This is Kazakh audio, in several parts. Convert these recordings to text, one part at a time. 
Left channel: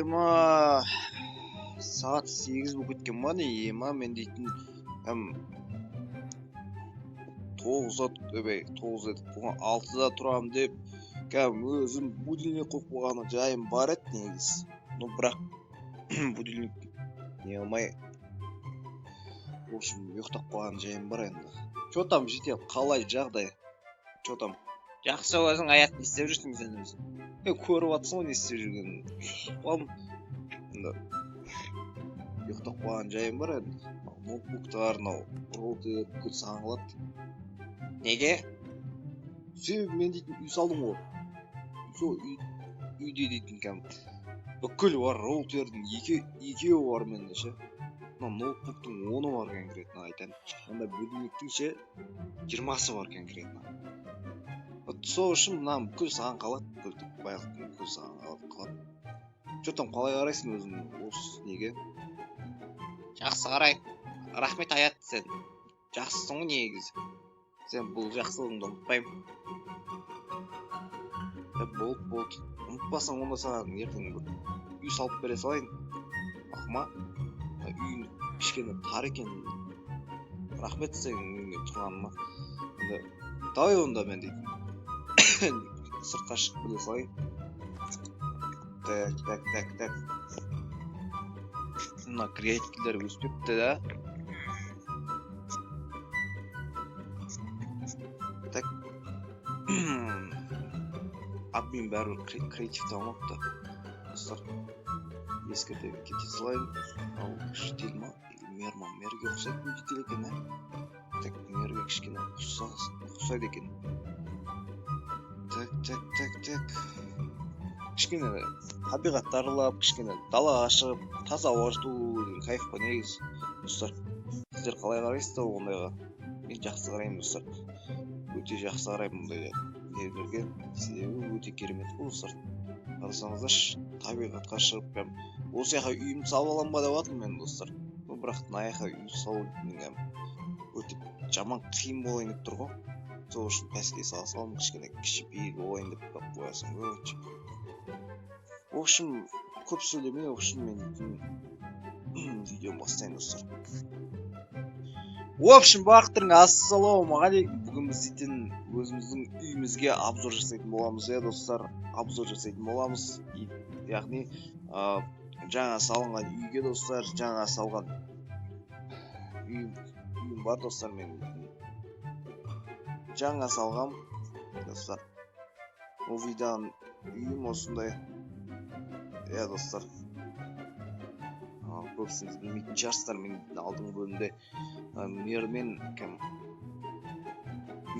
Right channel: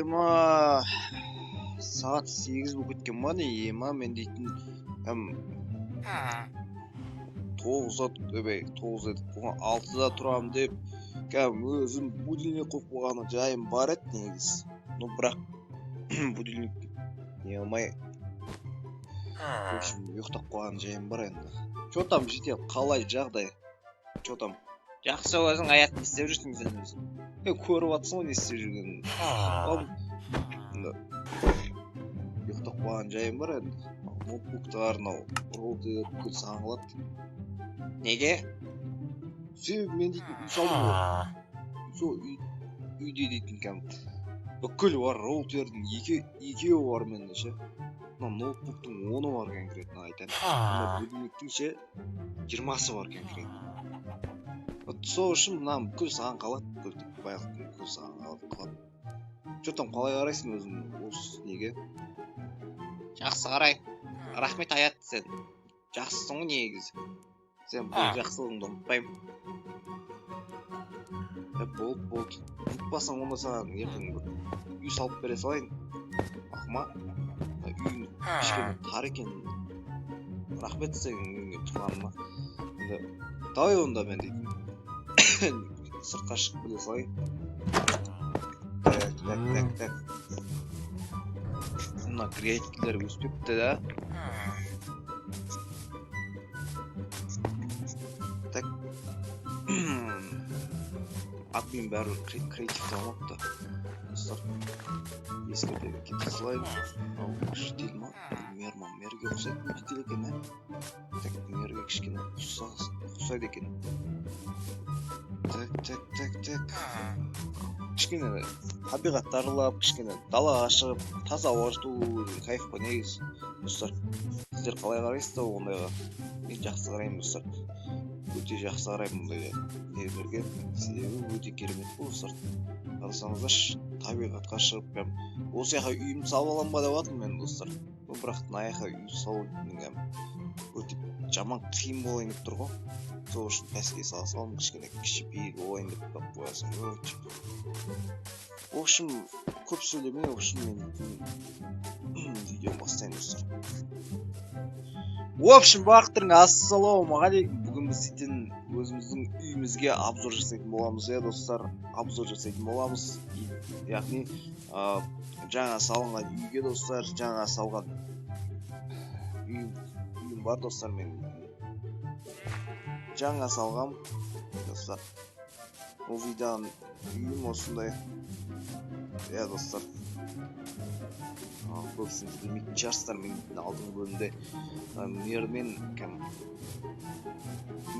ема сағат 8 болып кеткен ма не ема мен дейтін 9 едік бұған 6-да тұрам деп өзім будильник қойып қойғаны жайым бар еді негізі. Ну бірақ будильник не алмай в общем ұйықтап қойған жайым бар енді. Чо там жете қалай жағдай? Чо там? Жақсы өзің аят не істеп жүрсің сен өзің? Көріп атсың ғой не істеп жүргенін. Ұйықтап қойған жайым бар енді. Ноутбуктар, роутер бүкіл саған қалады. Неге? Себебі мен дейтін үй салдым ғой. Сол үйде дейтін бүкіл бар, роутердің екеуі бар менде ше. Ноутбуктың 10-ы бар конкретно айтайын. Анда будильниктің ше 20-сы бар конкретно. Сол үшін мынам бүкіл саған қалады, бүкіл саған қалады. Чо там қалай қарайсың өзің осы неге? Жақсы қарай. Рахмет аят сен. Жақсысың ғой негізі. Сен бұл жақсылығыңды ұмытпаймын. Болды. Ұмытпасаң онда саған ертең үй салып бере салайын. Ақма. Үйің кішкене тар екен. Рахмет сен үйіңе тұрғаныма. Давай онда мен дейтін. Сыртқа шығып біле салайын. Так. Мына креативтілер өспепті да. Так. Админ бәрі креативті алмапты. Достар, ескерте кете салайын. Ал жетел ма? Мерге ұқсайтын жетел екен, ә? Так, мерге кішкене ұқсайды екен. Так. Кішкене табиғатты аралап, кішкене далаға шығып, таза ауа жұту кайф қой негізі. Достар, сіздер қалай қарайсыздар ондайға? Мен жақсы қараймын, достар. Өте жақсы қараймын мұндайға нелерге. Себебі өте керемет қой, достар. Қарасаңыздаршы, табиғатқа шығып, осы яқа үйімді салып аламын ба деп жатырмын мен, достар. Бірақ мына яқа үй салу өте жаман қиын болайын деп тұр ғой. Сол үшін пәске салсам, кішкене кішіпейіл болайын деп қойасың. В общем, көп сөйлемей, в общем, мен видео бастайын, достар. В общем, бақтырың, ассалаумағалейкум. Бүгін біз дейтін өзіміздің үйімізге обзор жасайтын боламыз, достар. Обзор жасайтын боламыз. Яғни, жаңа салынған үйге, достар, жаңа салған үйім бар, достар, мен жаңа салғам, достар. Ол видеоның үйім осындай. Достар. Көбісіңіз білмейтін шығарсыздар, мен алдыңғы бөлімде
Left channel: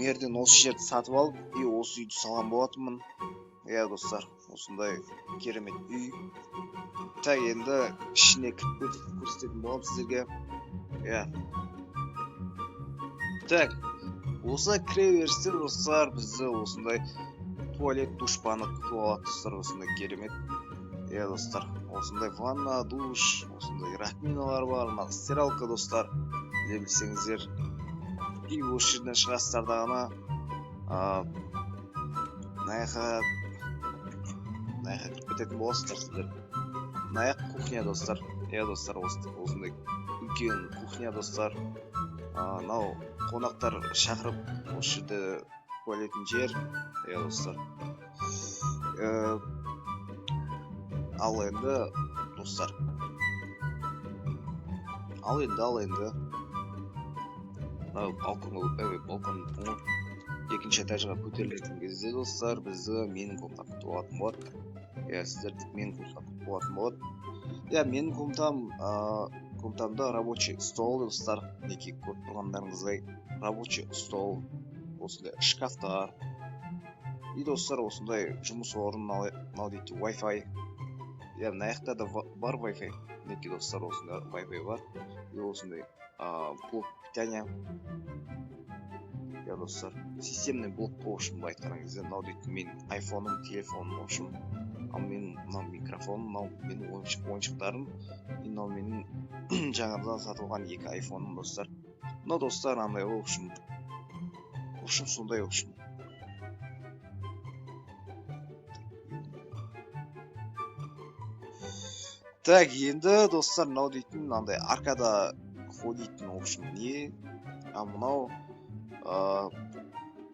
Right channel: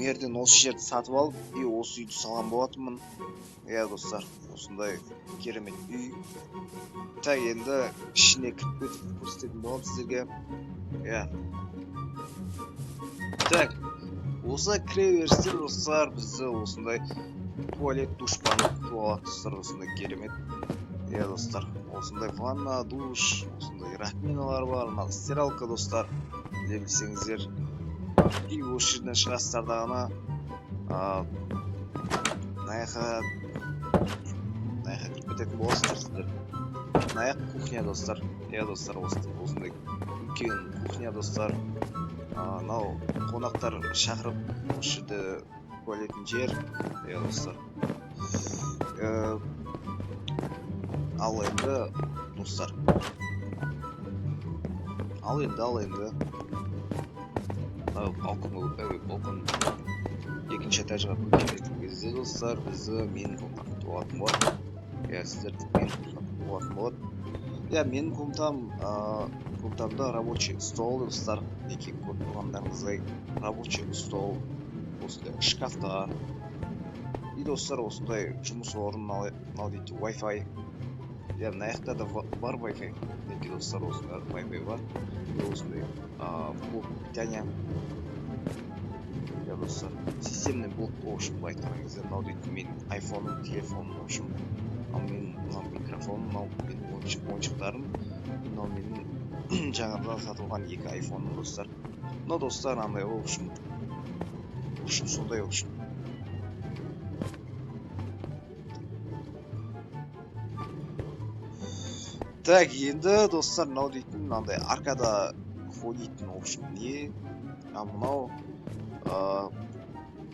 мерден осы жерді сатып алып, осы үйді салған болатынмын. Достар, осындай керемет үй. Так, енді ішіне кіріп көрсететін болам сіздерге. Так, осы кіре берістер, достар, бізді осындай туалет, душпаны күтіп алады, достар, осындай керемет. Достар, осындай ванна, душ, осындай раковиналар бар, стиралка, достар. Біле білсеңіздер, осы жерден шығасыздар дағына. Наяқа кіріп кететін боласыздар сіздер. Наяқ кухня, достар. Достар, осындай үлкен кухня, достар. Нау қонақтар шақырып, осы жерде туалетін жер. Достар. Ал енді, достар. Ал енді. Балкон екінші этажға көтерілетін кезде, достар, бізді менің комнатам күтіп алатын болады. Сіздерді менің комнатам күтіп алатын болады. Менің комнатамда рабочий стол, достар. Неке көріп тұрғандарыңыздай рабочий стол, осындай шкафтар. Достар, осындай жұмыс орын, мынау дейді Wi-Fi. Мына жақта да бар Wi-Fi. Неке, достар, осындай Wi-Fi бар. Осындай блок питания. Достар, системный блок, в общем, айтқан кезде, мынау дейді менің айфоным, телефоным, в общем. Ал менің микрофоным, мынау менің ойыншықтарым. Мынау менің жаңадан сатылған 2 айфоным, достар. Мынау, достар, андай, в общем, сондай, в общем. Так, енді достар, мынау дейтін мынандай аркада ходитын, в общем, не. Мынау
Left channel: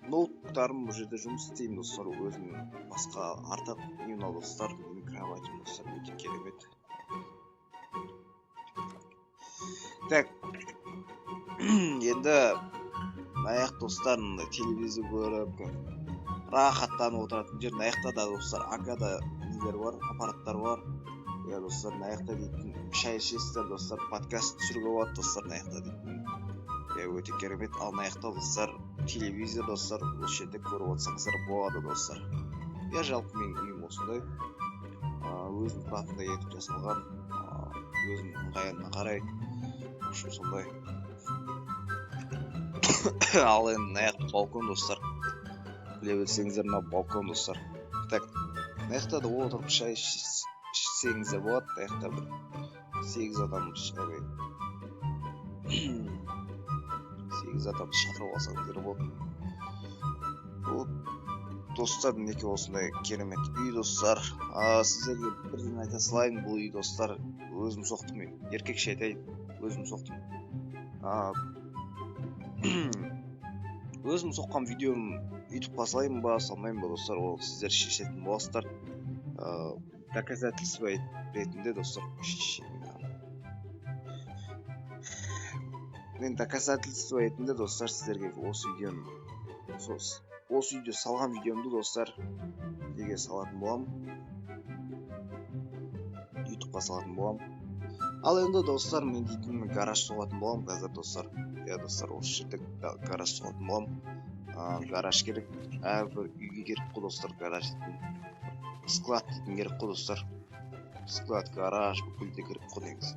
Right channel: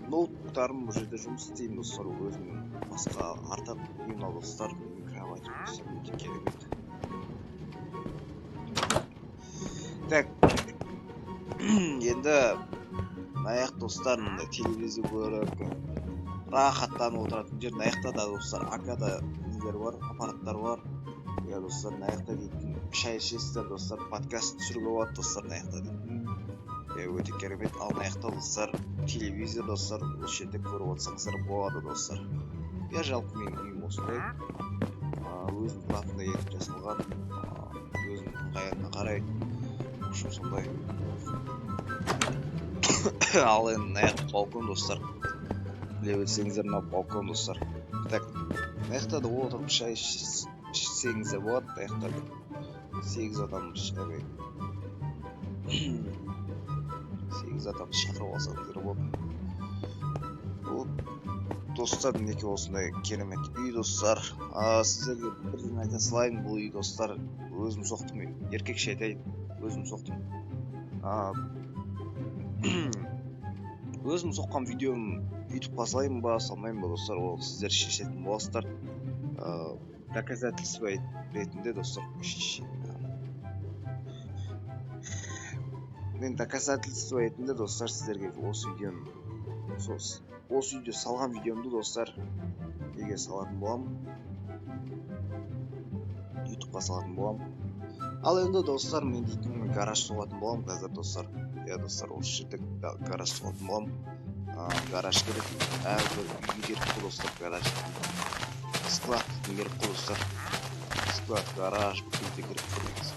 ноутбуктарым бұл жерде жұмыс істеймін достар, өзімнің басқа артық. Мынау достар, менің кроватьім достар, өте керемет. Так, енді мынаяқ достар, мындай телевизор көріп рахаттанып отыратын жер. Мынаяқта да достар аркада нелер бар, аппараттар бар. Я достар, мынаяқта дейтін шай ішесіздер достар, подкаст түсіруге болады достар, мынаяқта дейтін өте керемет. Ал мынаяқта достар телевизор достар, осы жерде көріп отырсаңыздар болады достар. Я жалпы менің үйім осындай, өзім тұратындай етіп жасалған, өзім ыңғайына қарай, ұшым сондай. Ал енді мынаяқ балкон достар, біле білсеңіздер, мына балкон достар. Так, мынаяқта да отырып шай ішсеңіздер болады. Мынаяқта бір 8 адам шай 8 адам шақырып алсаңыздар болады. Вот достар, мінекей осындай керемет үй достар. Сіздерге бірден айта салайын, бұл үй достар өзім соқтым, еркекше айтайын, өзім соқтым. Өзім соққан видеом ютубқа салайын ба, салмайын ба достар, ол сіздер шешетін боласыздар. Доказательство ретінде достар, мен доказательство ретінде достар сіздерге осы видео салған видеомды достар неге салатын боламын, ютубқа салатын боламын. Ал енді достар, мен дейтін гараж соғатын боламын қазір достар. Я достар, осы жерде гараж соғатын боламын. Гараж керек, әрбір үйге керек қой достар, гараж. Склад дейтін керек қой достар. Склад, гараж, бүкіл де керек қой негізі.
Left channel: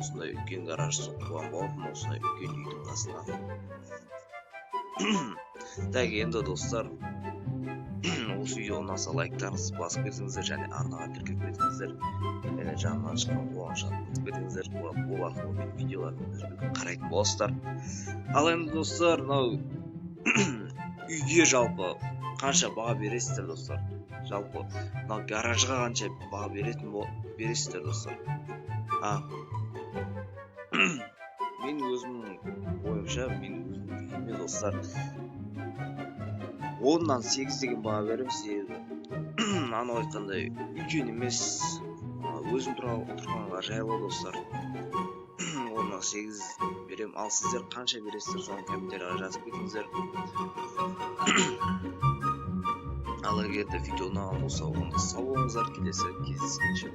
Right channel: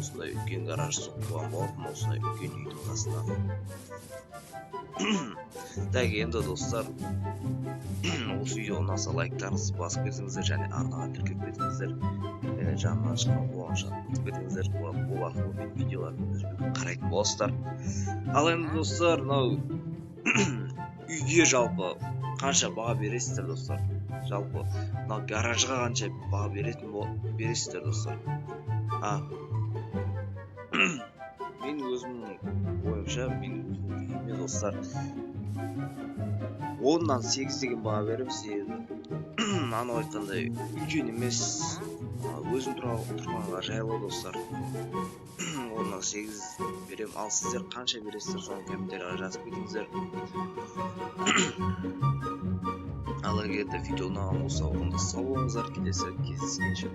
Осындай үлкен гараж соққан болатын, осындай үлкен үйдің қасына. Так, енді достар, осы видео ұнаса лайктарыңызды басып кетіңіздер және арнаға тіркеліп кетіңіздер. Және жанынан шыққан қуанышқа өтіп кетіңіздер. Ол арқылы менің видеоларымды үзбей қарайтын боласыздар. Ал енді достар, мынау үйге жалпы қанша баға бересіздер достар? Жалпы мынау гаражға қанша баға бересіздер достар? Мен өзімнің ойымша, мен өзімнің үйіме достар 10-нан 8 деген баға беремін, себебі анау айтқандай үлкен емес, өзім тұрғанға жайлы достар. 10-нан 8 беремін. Ал сіздер қанша бересіздер, соны комментарияға жазып кетіңіздер. Ал егер де видео ұнаған болса, онда сау болыңыздар, келесі кездескенше